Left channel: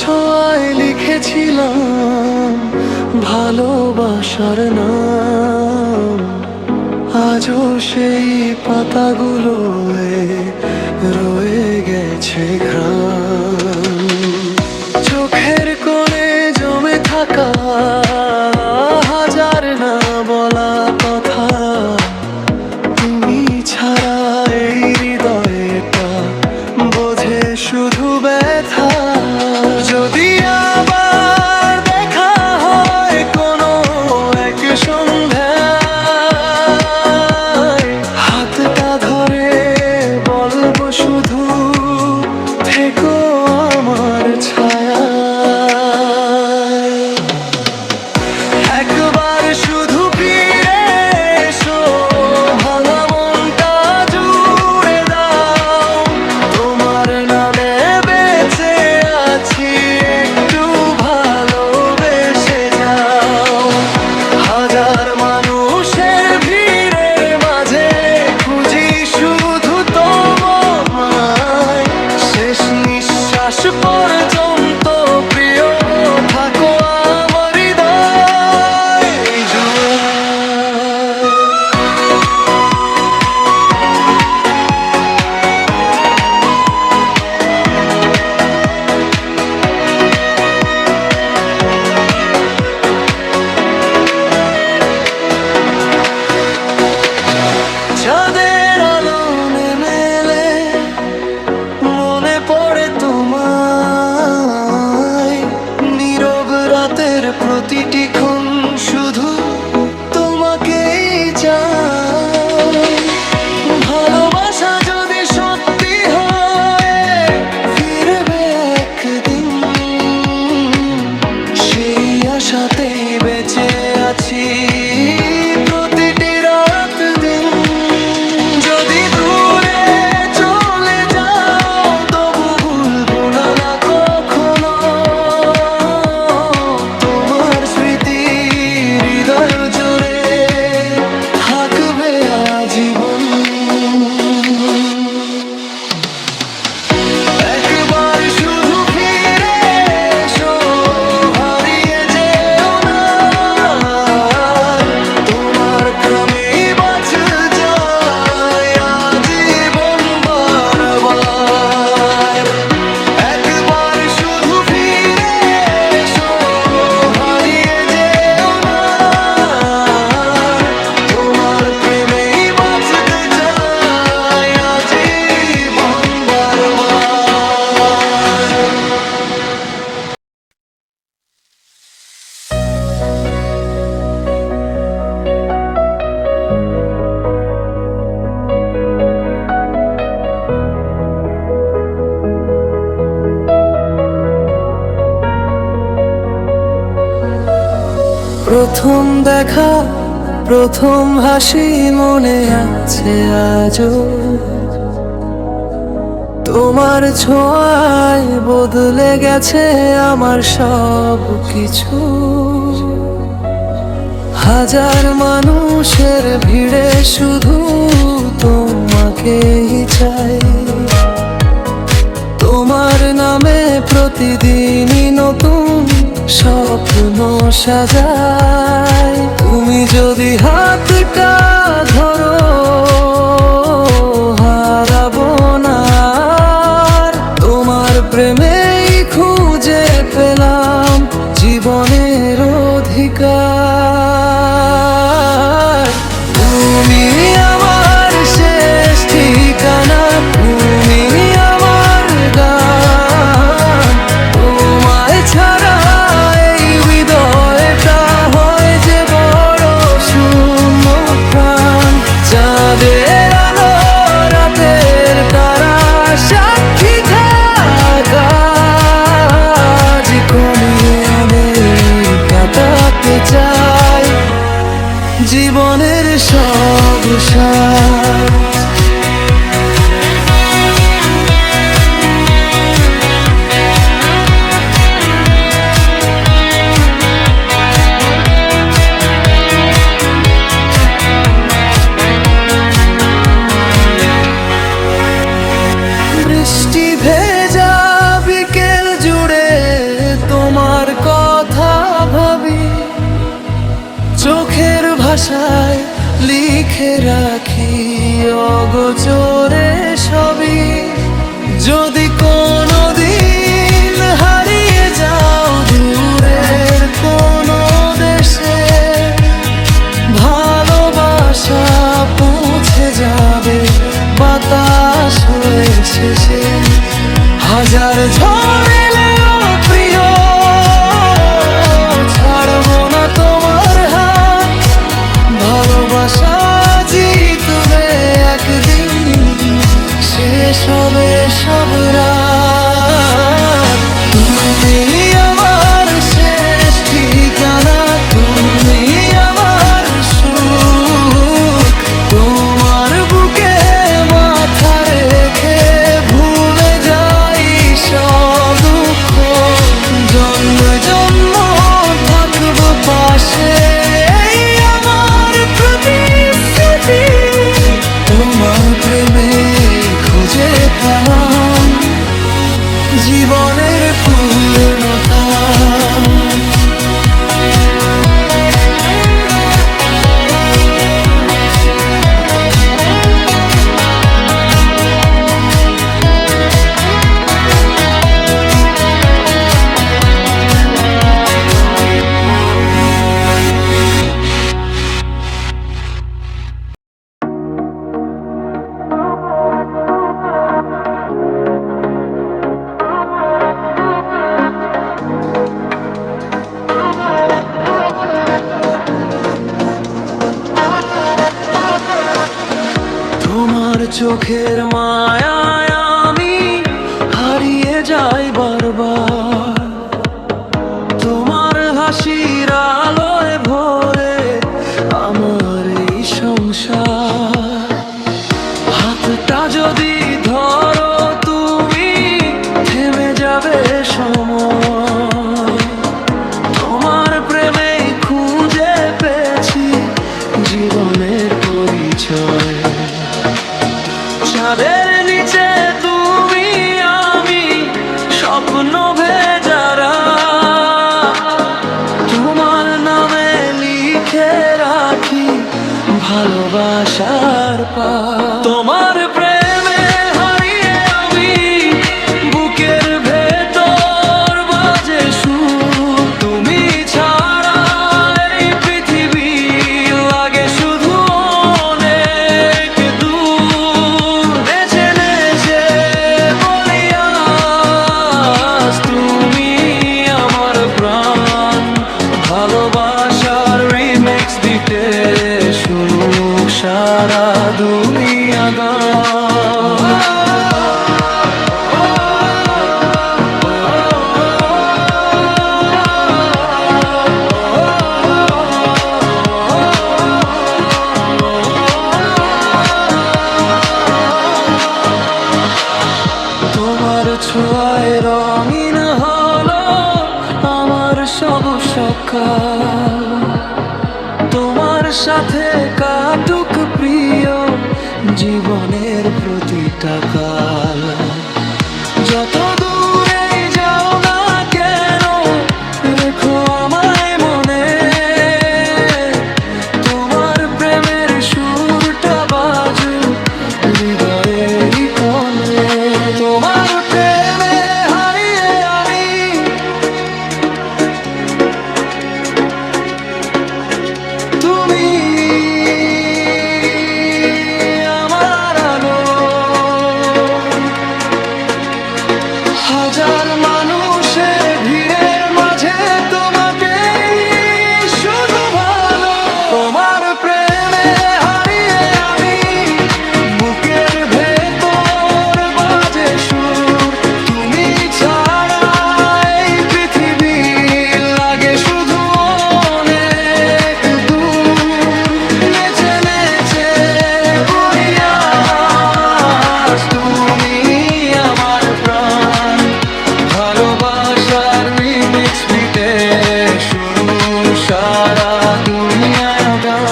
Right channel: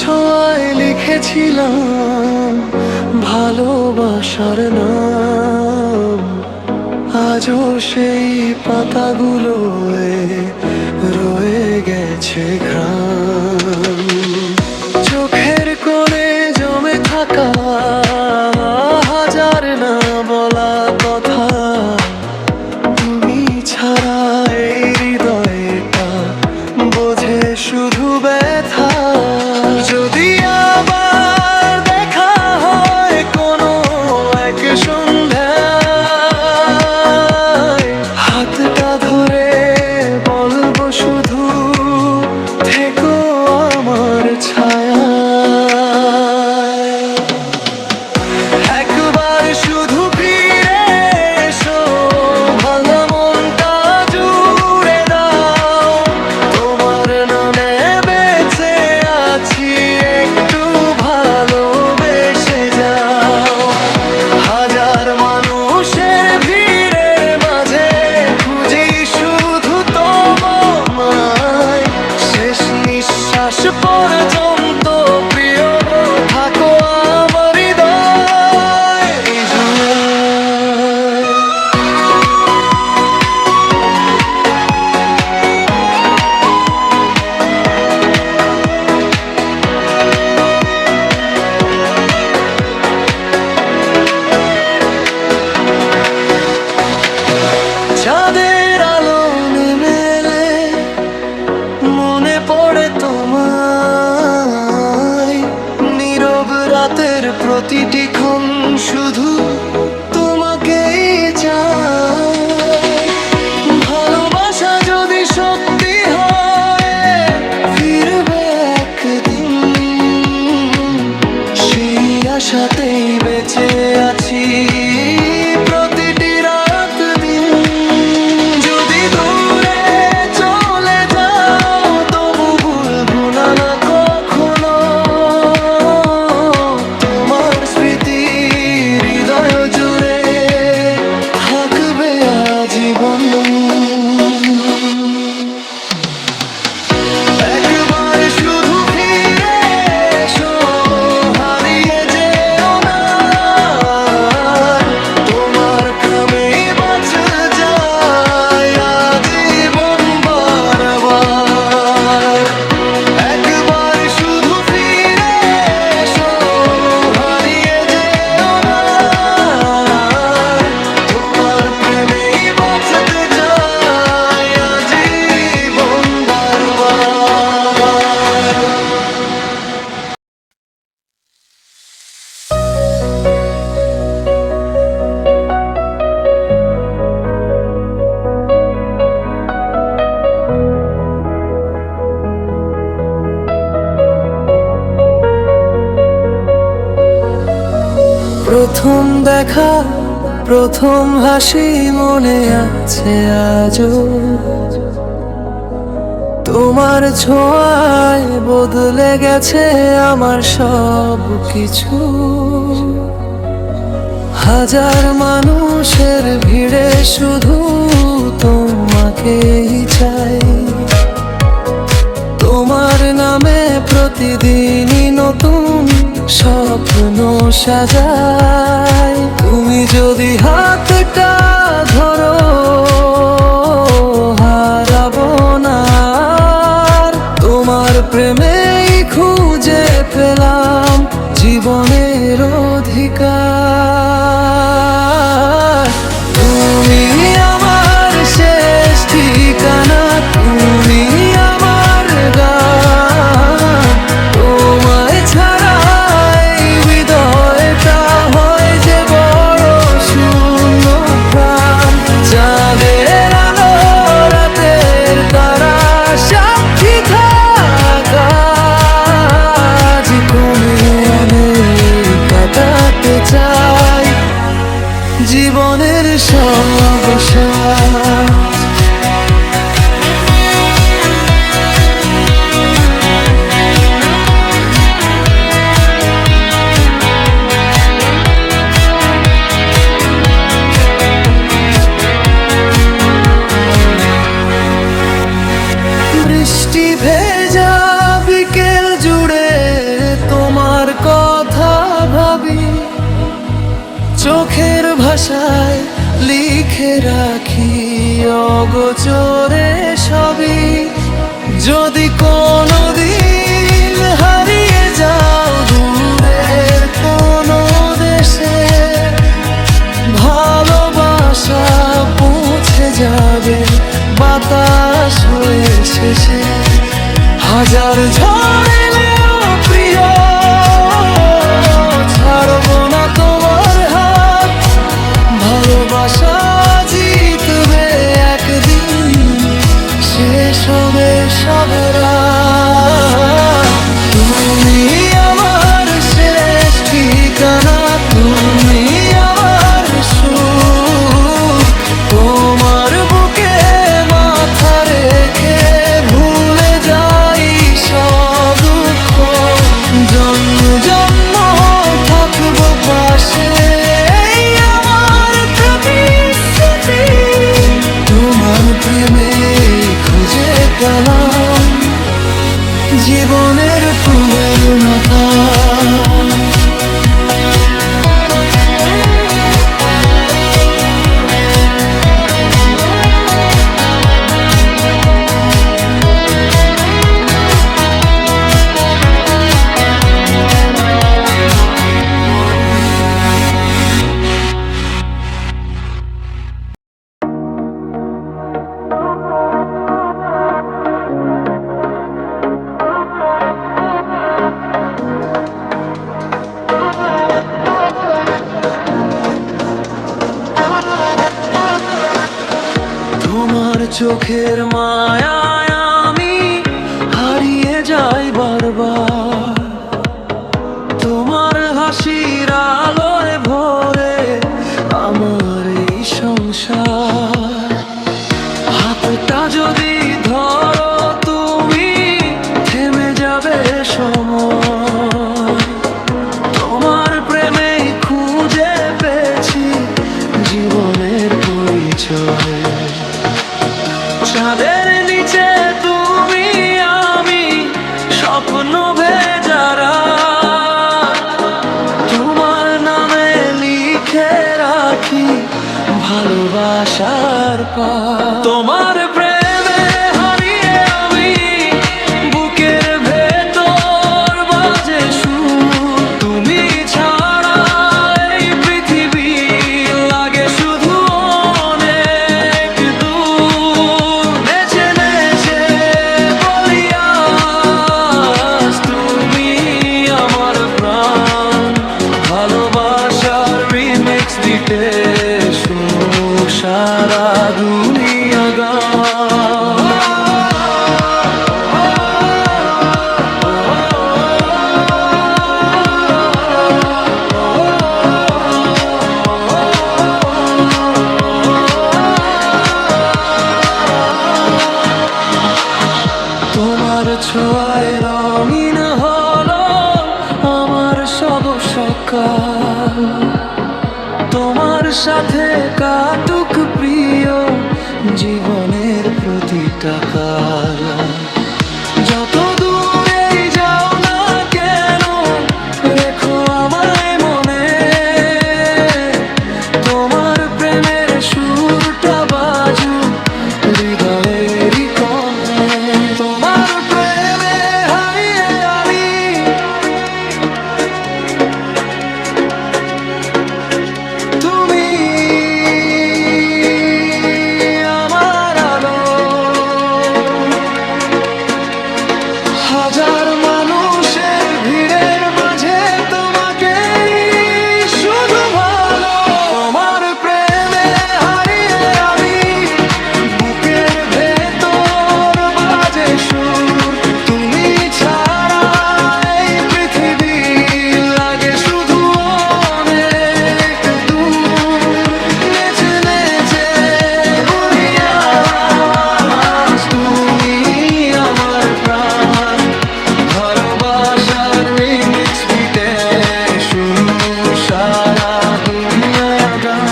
ছোঁয়ায় লিখেছিলাম ভালোবাসার নাম। আজও সেই পাতাগুলোয় রয়ে গেছে ঘ্রাণ। চোখের কোণে জমে থাকা হাজার না বলা কথা, তুমি ছাড়া এই হৃদয়টা বোঝে শুধু ব্যথা। যদি আবার দেখা হয় কোনো এক সন্ধ্যায়, হাতটা ধরে বলবো শুধু থেকো আমার ছায়ায়। একবার শুধু ফিরে এসো, ভাঙা মনটা জুড়ে দাও। তোমার নামে বেঁচে আছি, একটু ভালোবেসে যাও। হাজার মানুষের ভিড়ের মাঝে খুঁজি শুধু তোমায়। শেষ নিঃশ্বাস পর্যন্ত প্রিয় থাকো আমার হৃদয় জুড়ে। চাঁদের আলো নেমে এলে মনে পড়ে তোমায়। নীরব রাতের প্রতিটি ক্ষণ শুধু তোমাকেই চায়। ভালোবাসা যদি সত্যি হয়, ফিরবে একদিন, সেই আশাতেই বেঁচে আছি প্রতিটি রাত দিন। যদি দূরে চলে যাও, তবু ভুলবো না কখনো তোমার স্মৃতি হৃদয় জুড়ে থাকবে আজীবন। একবার শুধু ফিরে এসো, হারিয়ে যেও না আর। তোমার খামেই বাঁচে যায় আজীবন বারবার। একবার শুধু ফিরে এসো, হারিয়ে যেও না আর। তোমার প্রেমেই বাঁচতে চাই আজীবন বারবার। প্রথম দেখা, প্রথম হাসি মনে আছে আজও। তোমার ছোঁয়ায় বদলে গেছে আমার সব কিছু। হাজার মানুষের ভিড়ে শুধু তোমাকেই চাই। তোমার নামে প্রতিদিনই নতুন স্বপ্ন সাজাই। তুমি যদি হাতটা ধরো, হারাবো না আর। তোমার প্রেমেই খুঁজে পেলাম জীবনের অধিকার। তুমি আমার শেষ ঠিকানা, তুমি আমার গান। তোমায় ছাড়া এই হৃদয়টা হয় যে বড় শূন্য প্রাণ। চাঁদের আলো, রাতের তারা সাক্ষী থাকা, জীবনে আমি কাটাতে চাই জীবনের সব সাজ। বৃষ্টি ভেজা বিকেল জুড়ে তোমার কথা ভাবি, চোখের ভাষায় লিখে রাখি অগোচরে সবই। যদি কোনোদিন হারিয়ে যাও দূরের কোনো দেশে, ভালোবাসা পৌঁছে যাবে বাতাস হয়ে শেষে। হাজার ঝড় এলেও প্রিয়, ছাড়বো না তোমার হাত। ভালোবাসা জিতবে একদিন, শেষ হবে সব রাত। তুমি আমার শেষ ঠিকানা, তুমি আমার সুখ। তোমার বুকে মাথা রেখে ভুলে যাই সব দুঃখ। জন্ম জন্ম থাকবো পাশে, আমার প্রতিশ্রুতি। তোমার প্রেমে খুঁজে পেলাম জীবনের পূর্ণতা। তোমার চোখের মায়ায় আমি হারিয়ে যাই বারবার। তোমার হাসির আলোয় ভরে আমার এই সংসার। হাতটা যদি ধরো তুমি, থেমে যাবে সময়। তোমার প্রেমে খুঁজে পেয়েছি জীবনের পরিচয়। চাঁদের নিচে তুমি আমি, স্বপ্ন ভেজারা। তোমার নামে লিখে রাখি ভালোবাসার পার। তোমার প্রেমে হারিয়ে আমি, বুকের ভেতর বাজে সুর। তুমি ছাড়া এই পৃথিবী লাগে শুধু অনেক দূর। নেচে নেচে বলি আজ তুমি আমার প্রাণ। ভালোবাসার রিমিক্স দিতে শুনুক সারা দুনিয়া গান। তোমার ছোঁয়ায় রঙিন হলো আমার সব সকাল। তোমার সাথে কাটুক প্রিয় জীবনের প্রতিটা কাল। যত দূরেই যাও না কেন, রেখো আমায় মনে। তোমার প্রেমের সুরটা বাজুক হৃদয়েরই কোণে। তোমার প্রেমে হারিয়ে আমি, তুমি আমার আলো। হাজার মানুষের ভিড়ের মাঝে তোমাকেই শুধু ভালো। তোমার প্রেমে হারিয়ে আমি, বুকের ভেতর বাজে সুর। তুমি ছাড়া এই পৃথিবী লাগে শুধু অনেক দূর। নেচে নেচে বলি আজ তুমি আমার প্রাণ। ভালোবাসার রিমিক্স বিটে শুনু সারা দুনিয়া গান।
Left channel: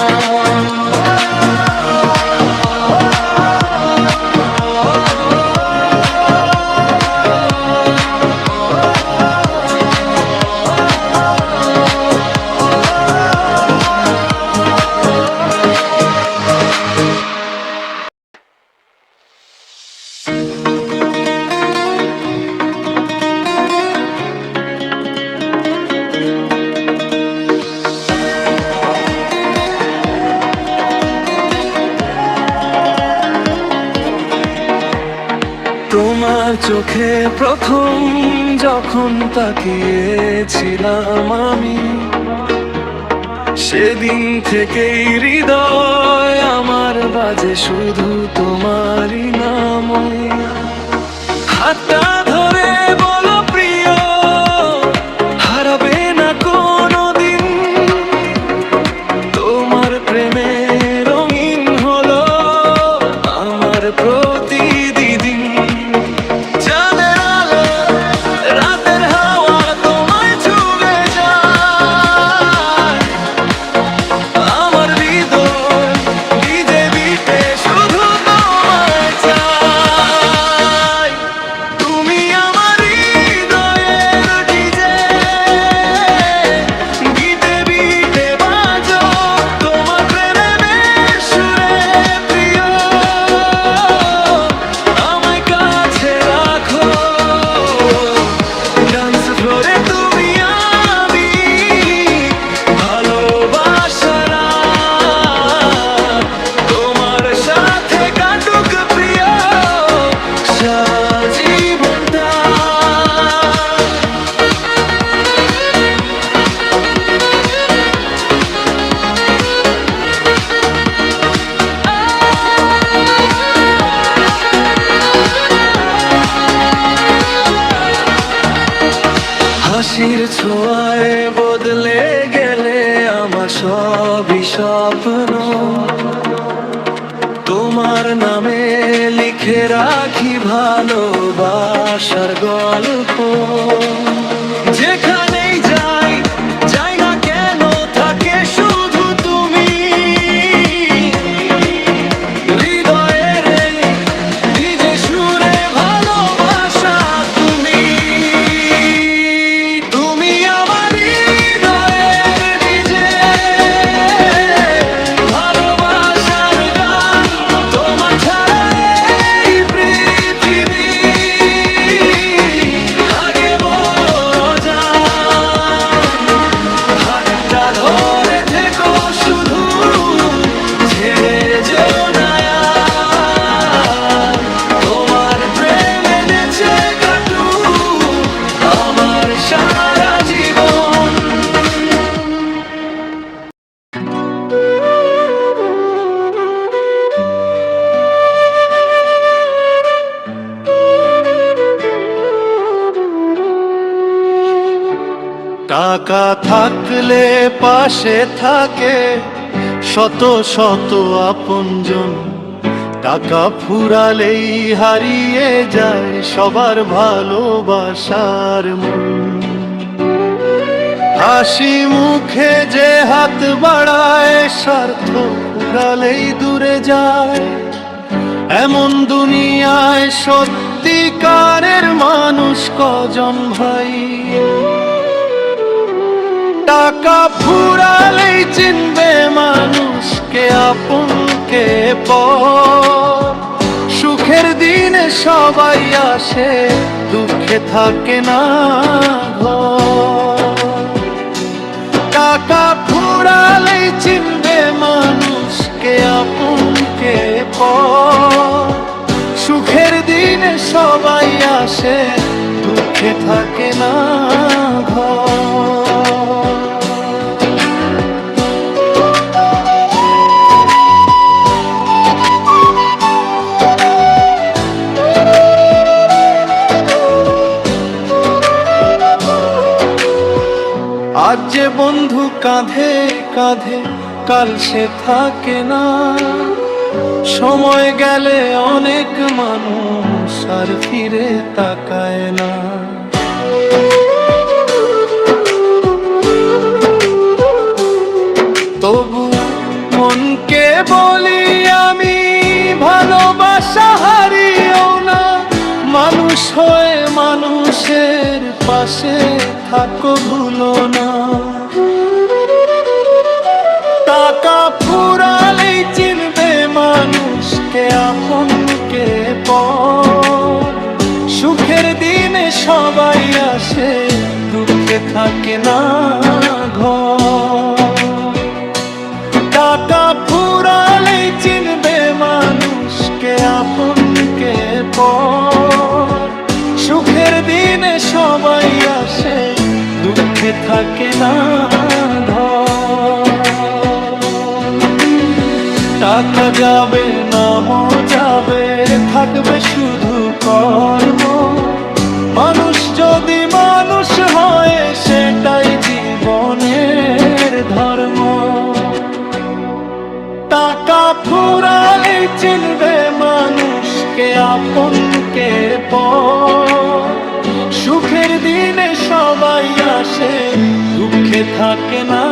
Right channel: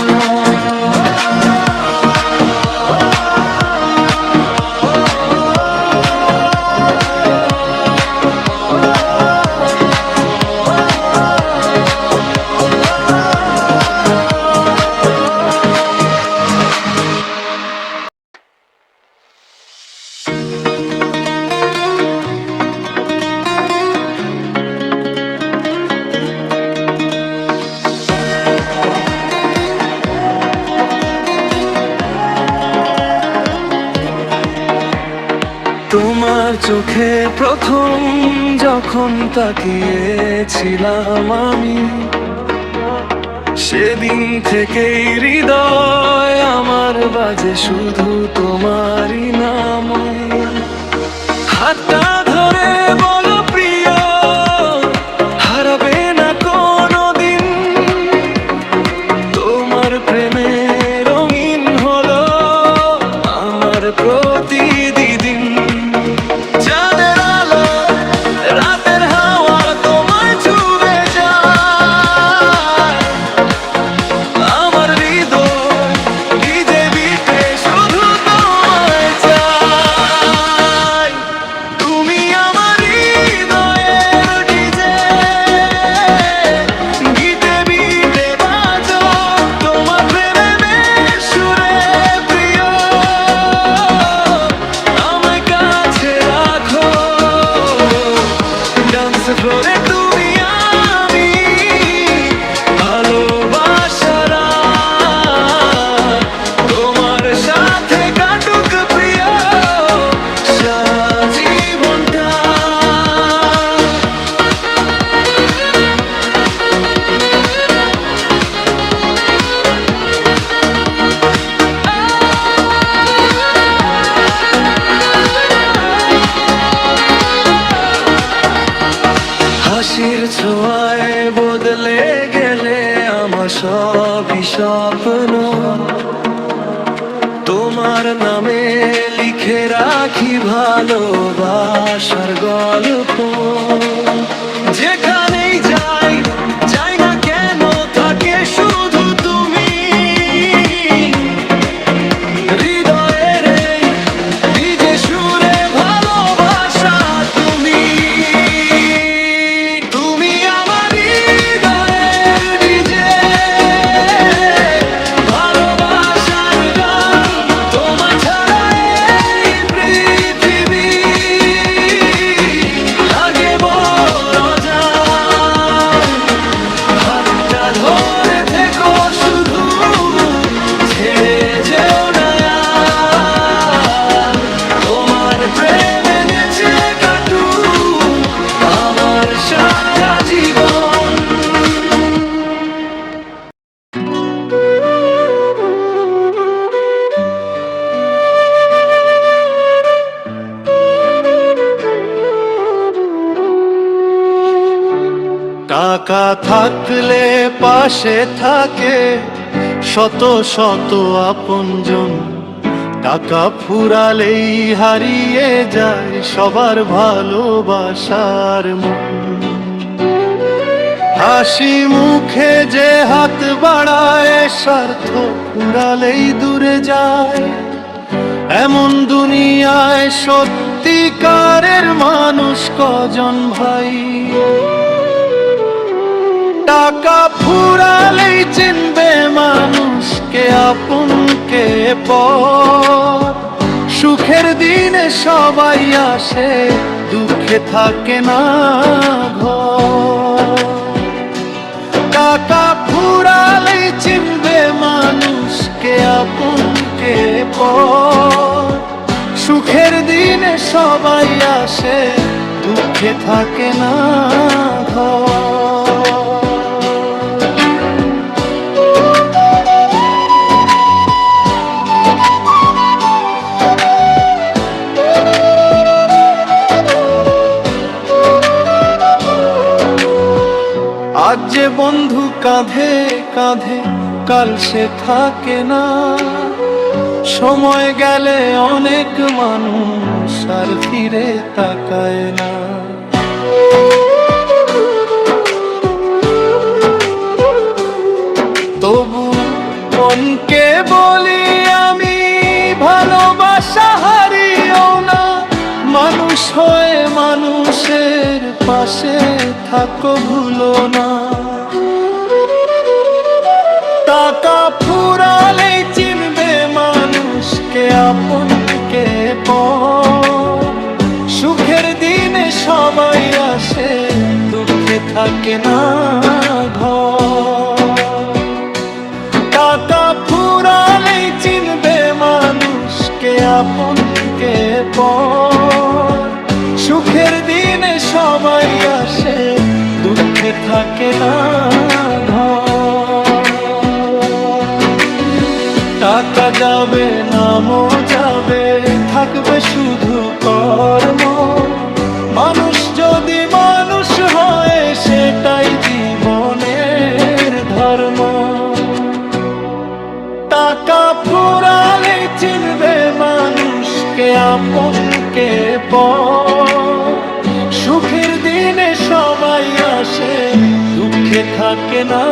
তোমার চোখে প্রথম যখন তাকিয়েছিলাম আমি, সেদিন থেকেই হৃদয় আমার বাজে শুধু তোমারই নামই। হাতটা ধরে বলো প্রিয়, হারাবে না কোনোদিন। তোমার প্রেমে রঙিন হলো আমার প্রতিদিন। চাঁদের আলো রাতের হাওয়া তোমায় ছুঁয়ে যায়, আমার হৃদয় ডিজে বিটে শুধু তোমায় চাই। তুমি আমার হৃদয়ের ডিজে, গিটে বিটে বাজো তোমার প্রেমের সুরে প্রিয়। আমায় কাছে রাখো ডান্স ফ্লোরে, তুমি আমি ভালোবাসার রাত তোমার সাথে কাটুক প্রিয় সারা জীবনটা। হাসির ছোঁয়ায় বদলে গেলে আমার সবই স্বপ্ন। তোমার নামে লিখে রাখি ভালোবাসার গল্প। যেখানেই যাই যাই না কেন থাকে শুধু তুমি। হৃদয়ের এই ডিজে সুরে ভালোবাসা তুমি। তুমি আমার হৃদয়ের ডিজে, ভালোবাসার গান তোমার ছাড়া এই পৃথিবী লাগে বড় অজান। হাতটা ধরে থেকো শুধু, ছেড়ে যেও না আর। তোমার প্রেমে নেচে কাটুক আমার সারা জীবন। টাকা থাকলে পাশে থাকে শত শত আপনজন, টাকা ফুরালেই হারিয়ে যায় সবার ভালোবাসার মন। হাসি মুখে যে হাত বাড়ায় স্বার্থ ফুরালেই দূরে যায়। এমন দুনিয়ায় সত্যিকারের মানুষ কজন ভাই? টাকা ফুরালেই চিনবে মানুষকে আপনকে পর। সুখের দিনে সবাই আসে, দুঃখে থাকে না ঘর। টাকা ফুরালেই চিনবে মানুষকে আপনকে পর। সুখের দিনে সবাই আসে, দুঃখে থাকে না ঘর। আজ যে বন্ধু কাঁধে কাঁধে, কাল সে থাকে না। সময় গেলে অনেক মানুষ আর ফিরে তাকায় না। তবু মনকে বলি আমি, ভালোবাসা হারিও না। মানুষ হয়ে মানুষের পাশে থাকো ভুলো না। টাকা ফুরালেই চিনবে মানুষকে আপনকে পর। সুখের দিনে সবাই আসে, দুঃখে থাকে না ঘর। টাকা ফুরালেই চিনবে মানুষকে কে আপন কে পর। সুখের দিনে সবাই আসে, দুঃখে থাকে না ঘর। টাকা যাবে, নামও যাবে, থাকবে শুধু কর্ম। মানুষ যদি মানুষ হয়, সেটাই জীবনের ধর্ম। টাকা ফুরালেই চিনবে মানুষ কে আপন কে পর। সুখের দিনে সবাই আসে, দুঃখে থাকে না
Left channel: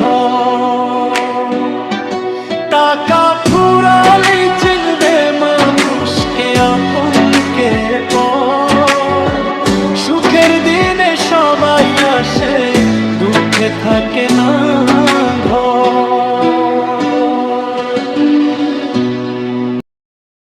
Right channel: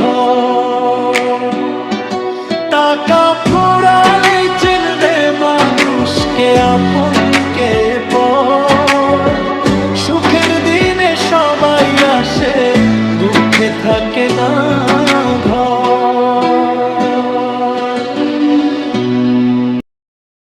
ঘর। টাকা ফুরালেই চিনবে মানুষ কে আপন কে পর। সুখের দিনে সবাই আসে, দুঃখে থাকে না ঘর।